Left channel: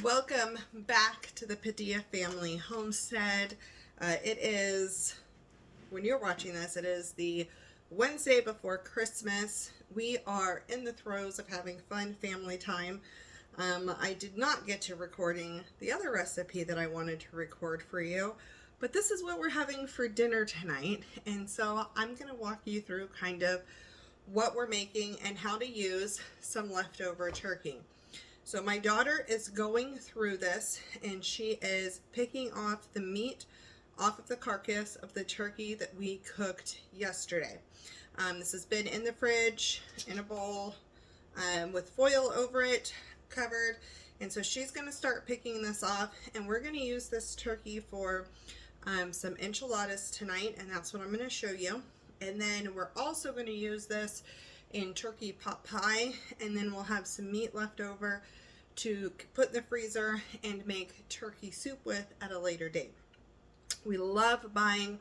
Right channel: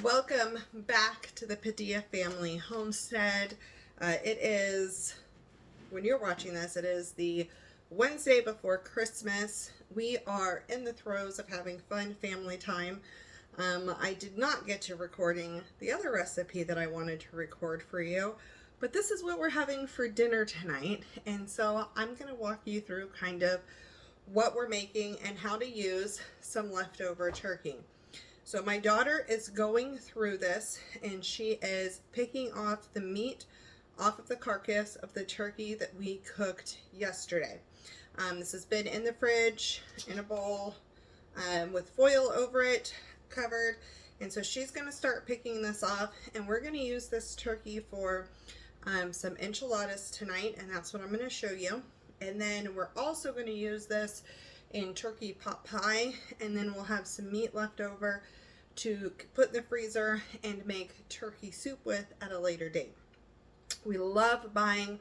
Welcome back to the Padilla family homestead. It is, when you're watching this, it is the Wednesday before Christmas. We are in the throes of having fun family time. I did not get to recording the other recipe that I wanted to record for you, but this is what we're having for dinner tonight. And so I'm going to walk you through kind of what we're making and how to use some leftover turkey. So my daughter is going through this and she is picking off the meat off of the carcass of the turkey that we cooked yesterday. This has been in the fridge in a bowl with foil over it, covered. And so she's going to start picking this off, and we're going to use this turkey for some enchiladas tonight, and that's what I'm going to show you. And then we're also going to use this in turkey pot pie, and then we'll have some meat left over to put in the freezer and make turkey soup with at a later date. We love buying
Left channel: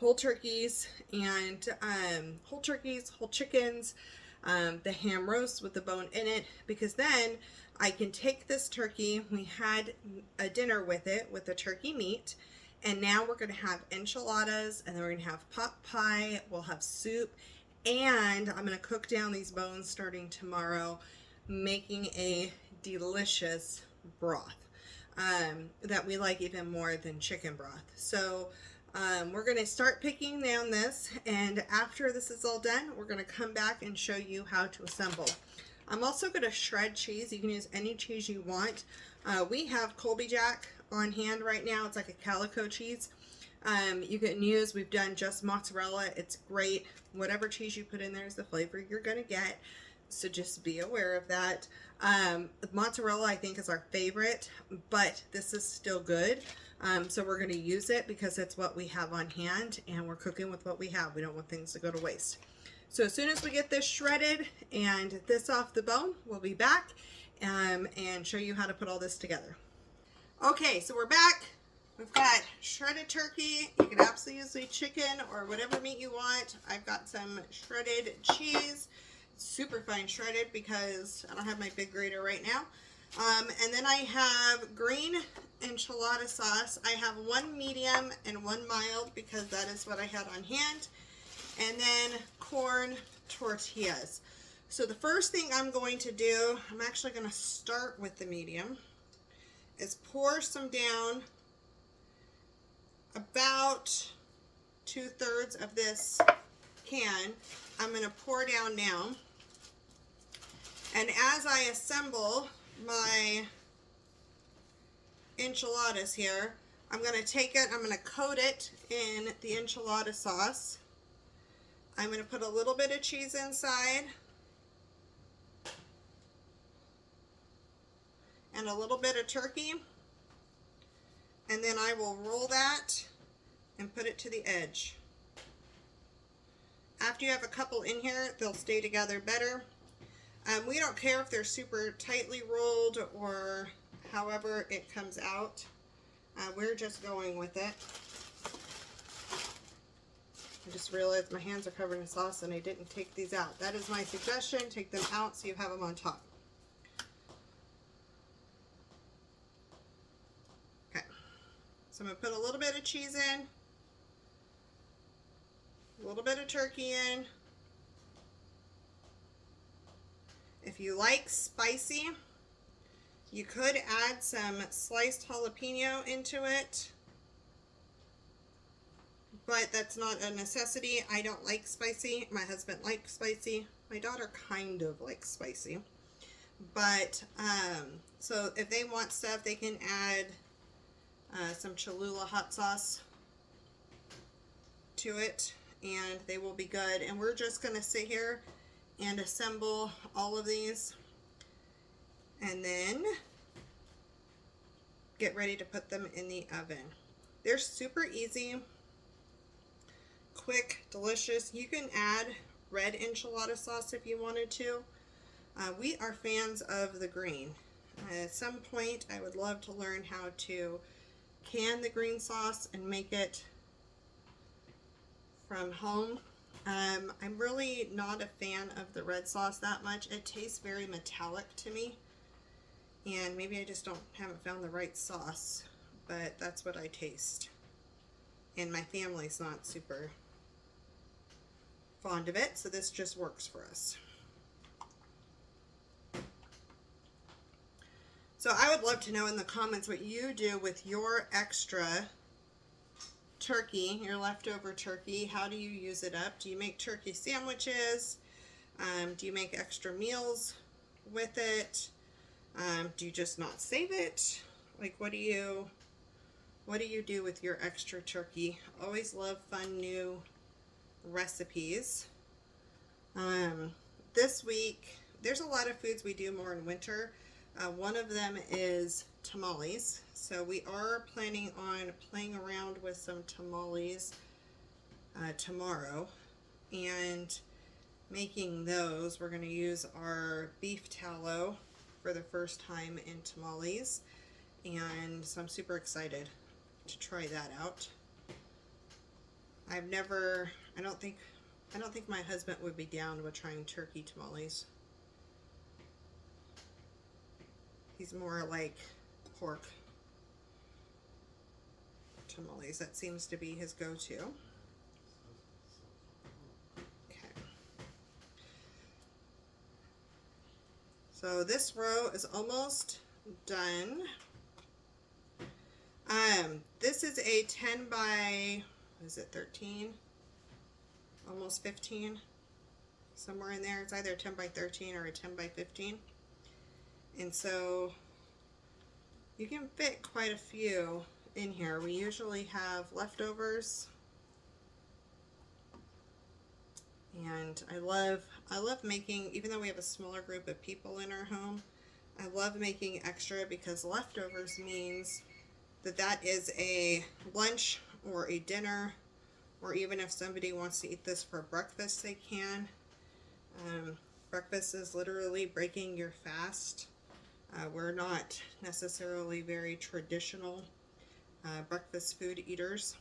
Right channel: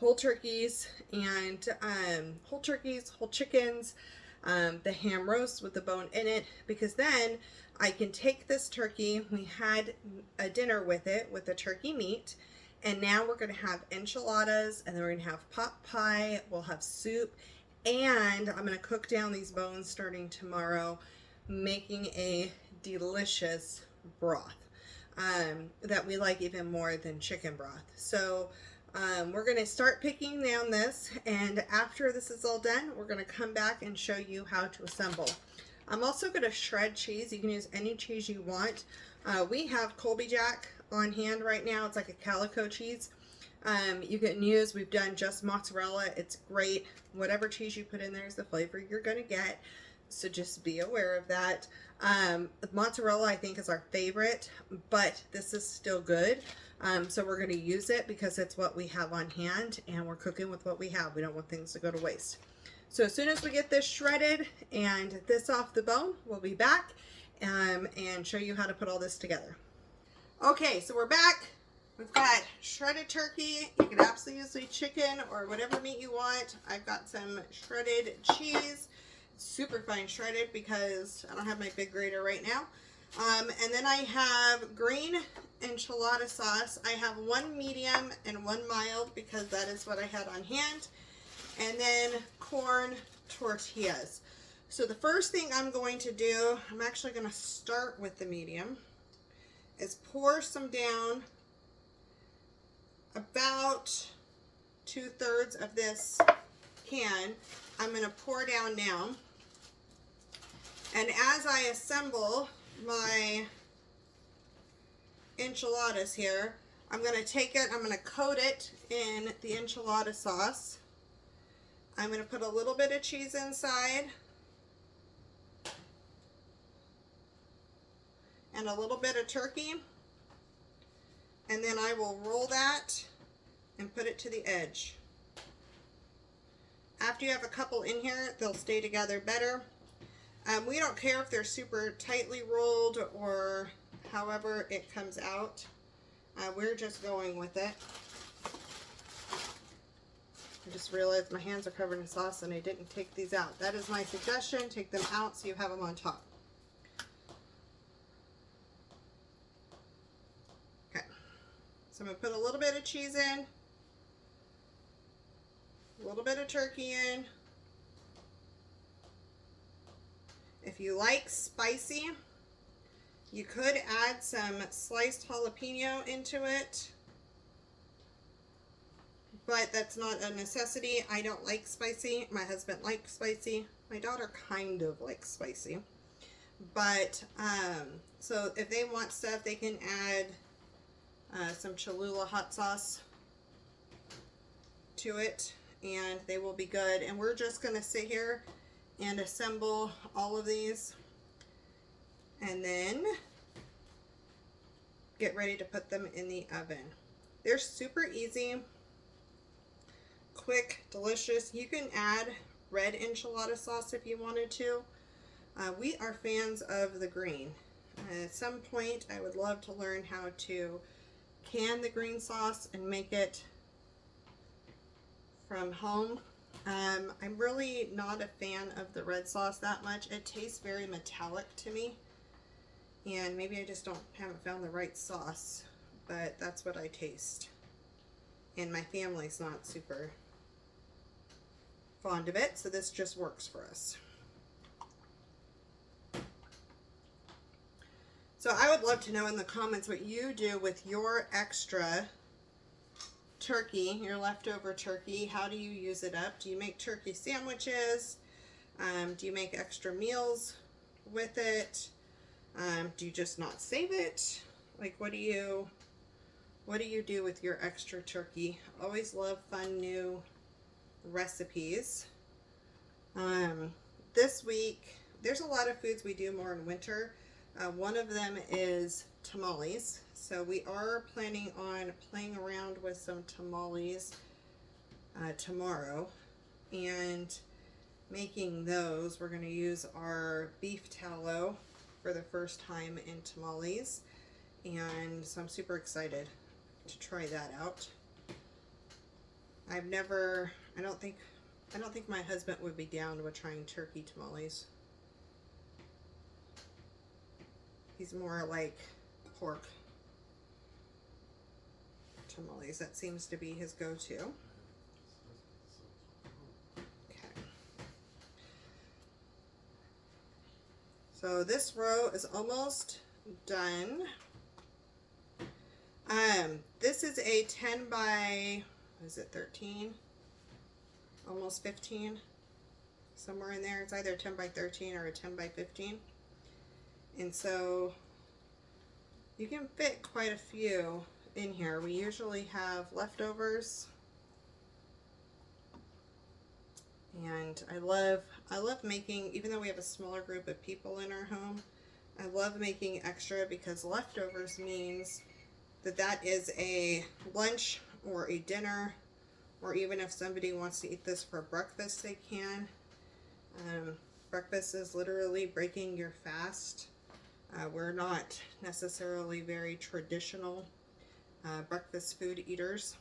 whole turkeys and whole chickens, the ham roast with the bone in it, because then I can take this turkey. We had a dinner with it with the turkey meat, and now we're going to have enchiladas, and then we're going to have pot pie, we'll have soup, and I'm going to cook down these bones starting tomorrow, making a delicious broth that we like even more than chicken broth. So we're going to start picking down this, and after this is all done, we're going to come back and show you how to assemble. I'm also going to shred cheese. You can use any cheese you want. We have Colby Jack on hand right now. It's like a calico cheese. You can use, we've done just mozzarella. It's great. Whatever cheese you put in there is the flavor you're going to get. So just be aware of that. Mozzarella, I think, is our favorite, but this is still good. So we're going to use it because it's what we have on hand, and we're cooking with what we have. We don't want things to go to waste. So as soon as we get this shredded and this off the bone, we'll be back and show you how to put all this together. Okay, so we're back. We've got shredded turkey. You can absolutely use chicken or whatever meat you want. I've got some shredded cheese. Super fine shredded because I don't have my big grater right now. And then I have green enchilada sauce. I have one medium and one mild because that is what I had on hand. And then corn tortillas. So the first thing I'm going to do, I'm actually going to start with the medium, is pour some down, about 2/3 of this can. I'm going to pour down now. And as I assemble my enchiladas here, I'm going to take it, I'm going to coat it in the enchilada sauce. I'm going to put a little bit of cheese inside and a little bit of turkey. And then I will roll that and put it to the edge. After you have a couple in here, they'll stay together better. We don't care if they're super tightly rolled or however it comes out. We're just going with it. I just realized my hands are covered in sauce and I didn't take these out. That is my suggestion. Take them out so you have them on top. Okay. So I'm going to put a little bit of cheese in, a little bit of turkey in. If you like spicy, you could add some sliced jalapeno into it, but that's not a necessity. I don't like spicy. My husband likes spicy. My daughter kind of likes spicy. But, so if they want stuff, they can add some Cholula hot sauce to it, and they will be good. And we're just going to sit here and assemble all of these and then get ready to put them in the oven. They're super easy, quick, delicious. You can add red enchilada sauce if you wanted to. We are fans of the green. At some point I would love to learn how to can the green sauce and make it from home. I'm really not a fan of the red sauce that much. It tastes very metallic to me. And maybe I just haven't found the right sauce, but that's what I taste. And my family's not super fond of it, so this just works for us. So I would love to know in the comments what you do with your extra turkey, your leftover turkey. How do you use it up? Do you make turkey sandwiches? Do you make extra meals with it? Do you just not save it? Like, what do you do with your extra turkey? Always love fun new recipes. This week, there's a lot of foods we do more in winter. One of them is tamales. So we are planning on playing around with some tamales tomorrow and making those. We're going to use our beef tallow for the first time in tamales, and so I'm super excited to try that out. I don't think my husband would be down with trying turkey tamales. He's more like pork tamales. That seems to be his go-to. Okay. So this row is almost done. This is a 10 by, what is it, 13? Almost 15. Somewhere in there. It's either a 10 by 13 or a 10 by 15. And so you can fit quite a few in here. We usually have leftovers. And I love making, even though we have a smaller group of people in our home, I love making extra because leftovers means that is a lunch or a dinner, or even if somebody wants to eat this for breakfast, they can. Breakfast is literally breaking your fast. We're not necessarily very traditional breakfast food eaters.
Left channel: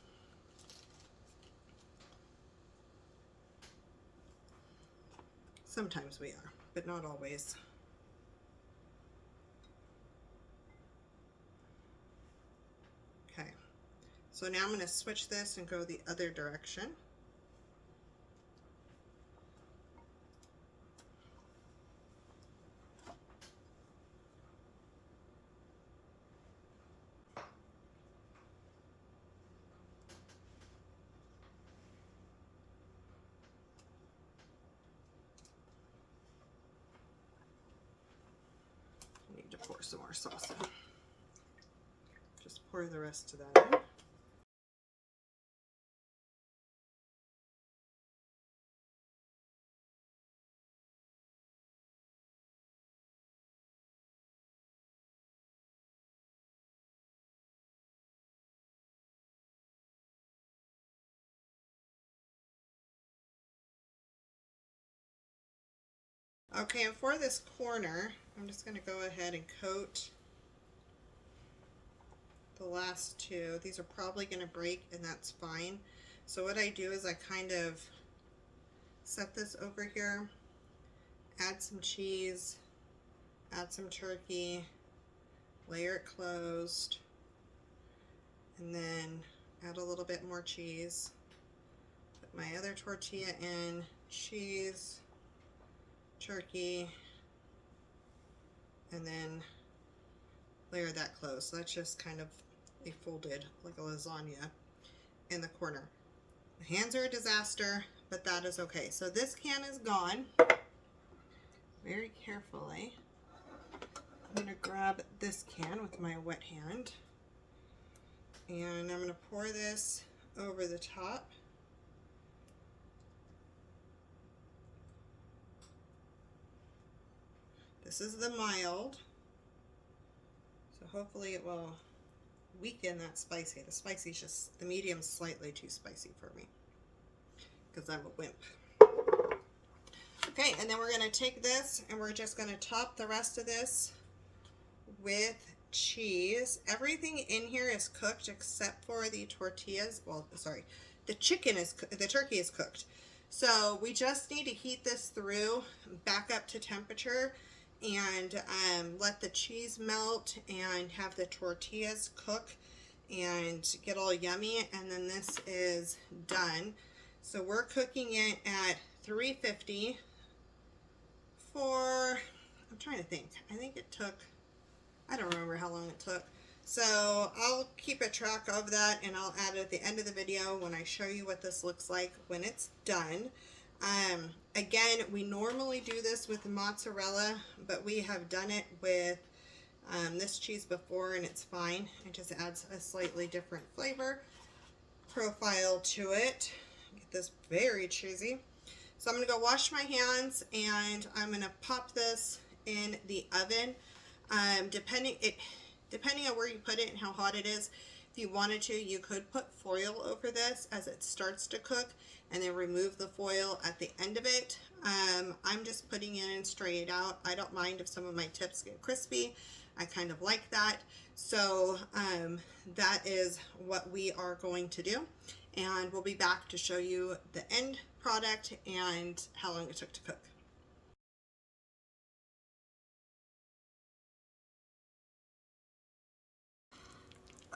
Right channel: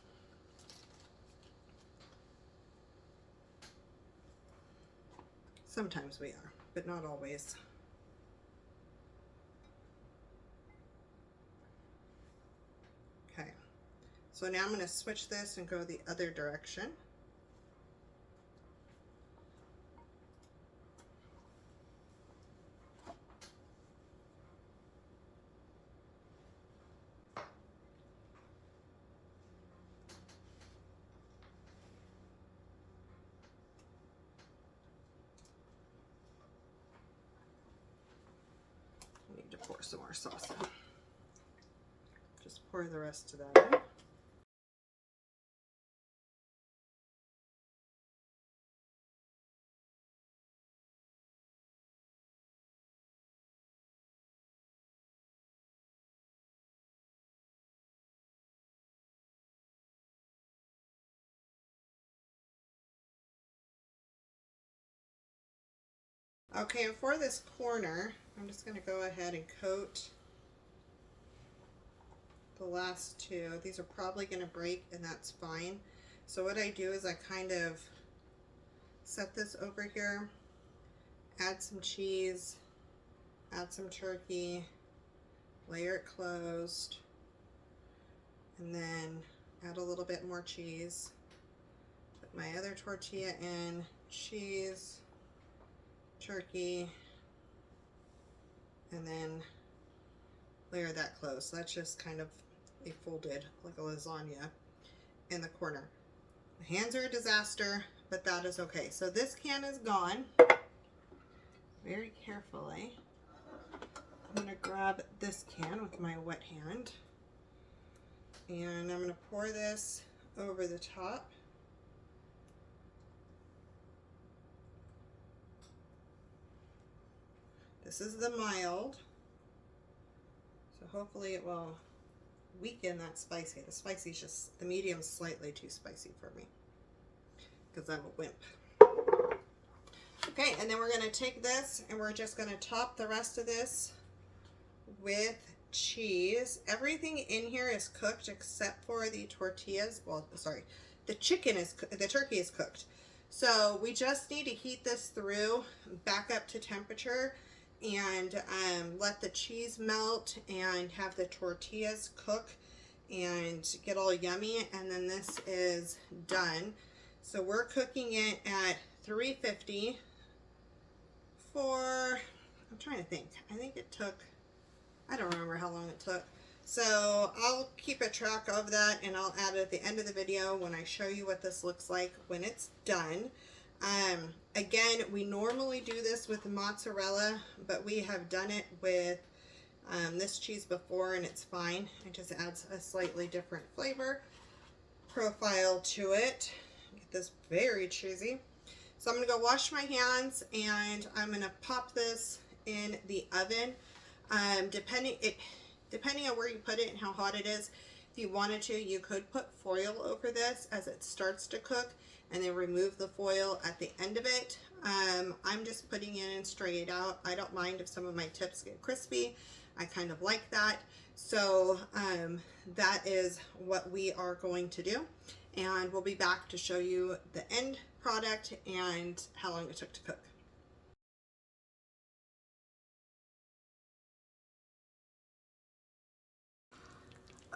Sometimes we are, but not always. Okay, so now I'm going to switch this and go the other direction. I need to pour some more sauce in. Just pour the rest of that in. Okay, and for this corner, I'm just going to go ahead and coat the last two. These are probably going to break, and that's fine. So what I do is I kind of set this over here, add some cheese, add some turkey, layer it closed, and then add a little bit more cheese. Put my other tortilla in, cheese, turkey, and then layer that close. So that's just kind of a folded, like a lasagna in the corner. The hands are a disaster, but that is okay. So this can is gone. Very carefully, I'm going to grab this can with my wet hand, and I'm going to pour this over the top. This is the mild, so hopefully it will weaken that spicy. The spicy's just, the medium's slightly too spicy for me because I'm a wimp. Okay, and then we're going to take this and we're just going to top the rest of this with cheese. Everything in here is cooked except for the tortillas. Well, sorry, the turkey is cooked. So we just need to heat this through back up to temperature, and let the cheese melt and have the tortillas cook and get all yummy, and then this is done. So we're cooking it at 350 for, I'm trying to think, I think it took, I don't remember how long it took. So I'll keep a track of that, and I'll add it at the end of the video when I show you what this looks like when it's done. Again, we normally do this with mozzarella, but we have done it with this cheese before, and it's fine. It just adds a slightly different flavor profile to it. Get this very cheesy. So I'm going to go wash my hands, and I'm going to pop this in the oven. Depending on where you put it and how hot it is, if you wanted to, you could put foil over this as it starts to cook, and then remove the foil at the end of it. I'm just putting it in straight out. I don't mind if some of my tips get crispy. I kind of like that. So that is what we are going to do. And we'll be back to show you the end product and how long it took to cook.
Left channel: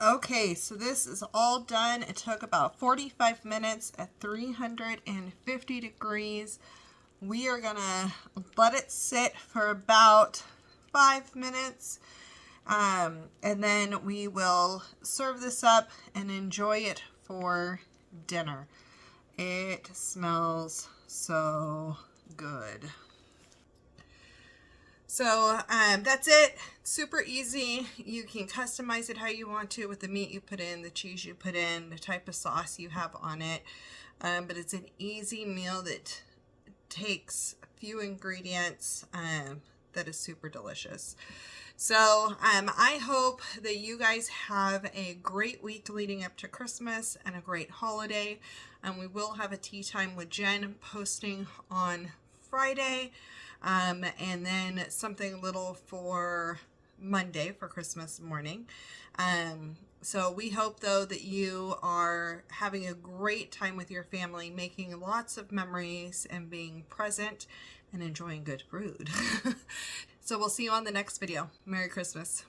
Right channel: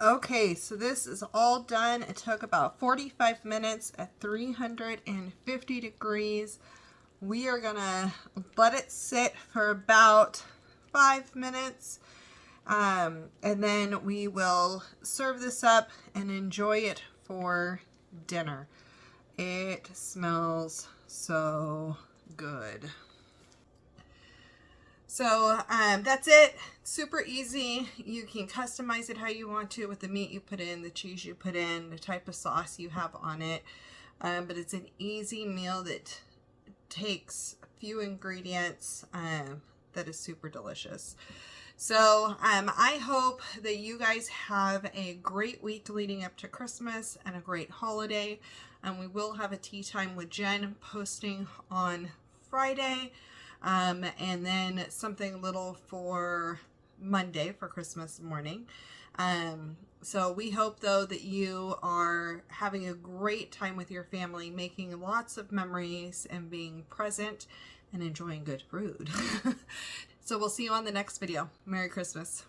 Okay, so this is all done. It took about 45 minutes at 350 degrees. We are gonna let it sit for about 5 minutes, and then we will serve this up and enjoy it for dinner. It smells so good. So that's it. Super easy. You can customize it how you want to with the meat you put in, the cheese you put in, the type of sauce you have on it. But it's an easy meal that takes a few ingredients that is super delicious. So I hope that you guys have a great week leading up to Christmas and a great holiday. And we will have a tea time with Jen posting on Friday. And then something little for Monday for Christmas morning. So we hope though that you are having a great time with your family, making lots of memories and being present and enjoying good food. So we'll see you on the next video. Merry Christmas.